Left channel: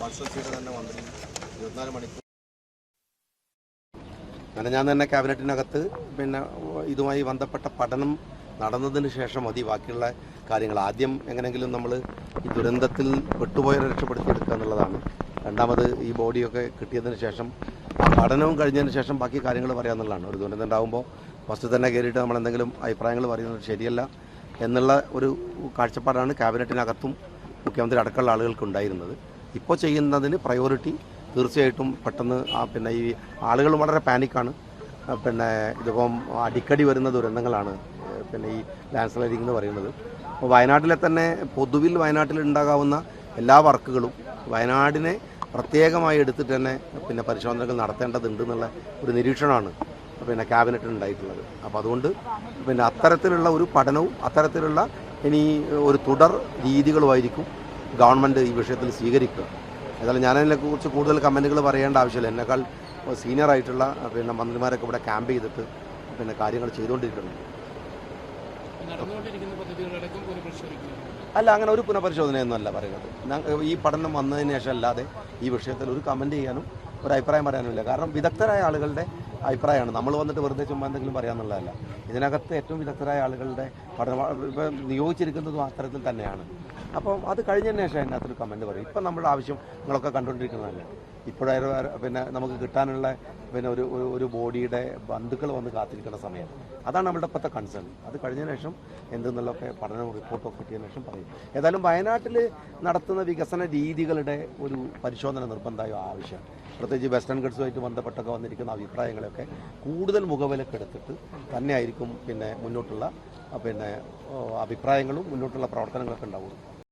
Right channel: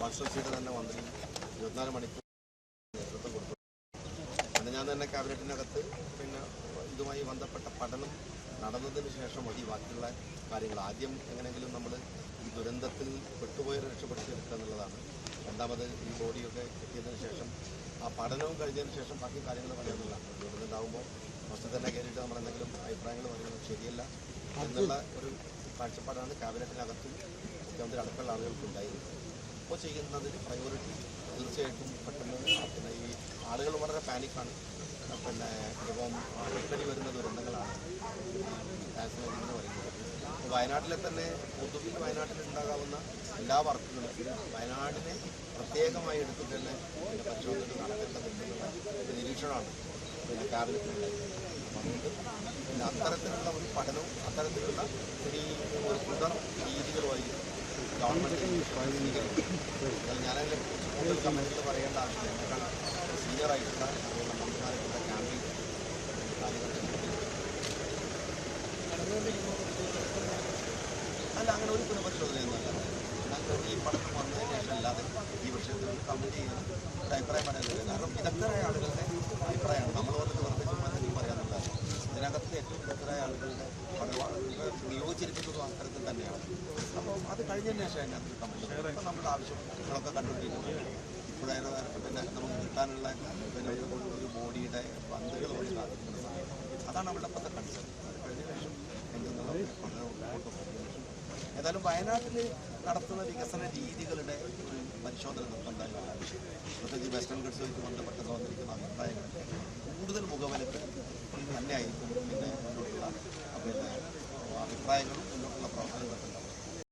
കോൺസ്റ്റിറ്റ്യുവൻസിയുടെ തന്നെ മന്ത്രി 24 മണിക്കൂർ അങ്ങനെ ഞാൻ തന്നെ ക്യാബിനറ്റിനകത്ത് പിന്നെ ഇതുമായി ബന്ധപ്പെട്ട പഠനം നടന്നതിന് ശേഷം മതി ബാക്കിയുള്ള കാര്യങ്ങൾ. ആദ്യം എങ്ങനെയെങ്കിലും നമ്മൾ ഈ ദുരന്തത്തിൽ പെട്ടുപോയവരെ രക്ഷപ്പെടുത്തിയെടുക്കുക എന്നുള്ളതാണ്. രണ്ടാമത് ഈ ബോഡിയൊക്കെ കിട്ടിയതിന് ശേഷം പഠനവും കഴിഞ്ഞതിന് ശേഷം ബാക്കി കാര്യങ്ങൾ പറയാമെന്നുള്ളതാണ്. ഒരു ദുരന്തം ഉണ്ടാകുമ്പോൾ ഫസ്റ്റ് തന്നെ കയറിയിട്ട് നമ്മൾ എന്തെങ്കിലും അഭിപ്രായങ്ങൾ പറയുന്നത് ശരിയല്ല എന്നുള്ള ഒരു കാഴ്ചപ്പാടാണ് ക്യാബിനറ്റിനകത്തും മുഖ്യമന്ത്രി അടക്കമുള്ള ആളുകൾക്ക് ഉണ്ടായിരുന്നത്. ഇപ്പോൾ ചെയ്യുന്നതിന് പ്രയോറിറ്റി തീർച്ചയായിട്ടും പെട്ടെന്ന് പിന്നെ ഈ ആളുകൾ വളരെ പാനിക്കാണ്. പിന്നെ ഇതിപ്പം അടിക്കടി വരുന്ന ദുരന്തങ്ങളാണ് പിന്നെ ഈ ലാൻഡ് സ്ലൈഡിംഗ് എന്ന് പറയുന്നത്. അപ്പോൾ വയനാട്ടിലെ തന്നെ പൊതുവിൽ വയനാട്ടിൽ ഉണ്ടാകാവുന്ന എല്ലാ വർക്കുകളും വയനാടിനെ പ്രത്യേകമായി എടുത്തിട്ട് തന്നെ പിന്നെ പരിശോധനകൾ നടത്തേണ്ടതുണ്ട് എന്നുള്ള ഒരു നിരീക്ഷണമാണ് പിന്നെ ക്യാബിനറ്റിൽ ഉണ്ടായിട്ടുള്ളത്. അപ്പോൾ അതുകൊണ്ട് പിന്നെ അത്തരത്തിലുള്ള ഒരു പഠനവും അത്തരത്തിലുള്ള ഇനി ഒരു തുടർ രീതികളുമായിരിക്കും ഗവൺമെൻറ് ഈ വിഷയത്തിൽ സ്വീകരിക്കുക. ഏതായാലും ഞാനതിനെക്കുറിച്ച് കൂടുതൽ കമൻറ്റുകൾ പറയേണ്ട ആവശ്യമില്ല. എന്നെക്കാൾ സീനിയറായിട്ടുള്ള പിന്നെ മന്ത്രിമാരൊക്കെ ഇവിടെ ക്യാമ്പ് ചെയ്തിട്ട് പിന്നെ കാര്യങ്ങൾ ചെയ്തുകൊണ്ടിരിക്കുന്നുണ്ട്. അല്ല, അങ്ങനെ ഒരു പുനഃപരിശോധനയൊന്നും അല്ല പറയുന്നത്. ഈ പഠനം വന്നതിന് ശേഷം അല്ലാതെ ഈ വിഷയത്തിൽ ഒരു കമൻറ്റ് ചെയ്യാനും ഒരു അഭിപ്രായം പറയാനുമില്ല. കാരണം വിദഗ്ധരായ ആളുകളുടെ അഭിപ്രായമാണ്. നമ്മൾ വന്നിട്ട് വെറുതെ ചുമ്മാ എന്തെങ്കിലും പറയാമെന്നുള്ളതല്ല. ഇതിനകത്ത് ഏറ്റവും വിദഗ്ധരായ ആളുകളുടെ പഠനം നിയോഗിച്ചിരിക്കുന്നതും അത്തരത്തിൽ തന്നെയാണ്. അപ്പം അത് കഴിഞ്ഞതിന് ശേഷം അതിനകത്തൊരു കമൻറ്റ് പറയും. ഇപ്പം നമ്മുടെ ആവശ്യം നിങ്ങളൊക്കെ കണ്ടുകൊണ്ടിരിക്കുന്നതല്ല. ഇപ്പോഴായാലും പിന്നെ നമുക്ക് കിട്ടാനുള്ള പിന്നെ ഒരു ബോഡിയുടെ ബന്ധുക്കൾ വന്ന് കാത്തിരിക്കുന്ന സമയം, അതാണ് നമ്മളുടെ ഇപ്പോഴത്തെ കൺസേൺ. അത് കഴിഞ്ഞതിന് ശേഷം എന്തെന്നുള്ളതൊക്കെ പഠനവും റിപ്പോർട്ടൊക്കെ കിട്ടിയതിനു ശേഷം പറയും. ഏതായാലും വയനാട്ടിൽ നടത്തുന്ന വികസന രീതികളുടെ ഒരു പരിശോധന നിർബന്ധമായും ആവശ്യം, പ്രത്യേകിച്ച് വെസ്റ്റേൺ ഗഡ്സുമായിട്ട് ബന്ധപ്പെട്ടൊക്കെ വന്നിരിക്കുന്ന അഭിപ്രായങ്ങളൊക്കെ കൂടുതൽ മുഖവിലക്കെടുത്തിട്ട് തന്നെയായിരിക്കും പിന്നെ മുന്നോട്ടുള്ള പിന്നെ അഭിപ്രായങ്ങളും മുന്നോട്ടുള്ള പ്രവർത്തനങ്ങളൊക്കെ ഉണ്ടാവുള്ളൂ.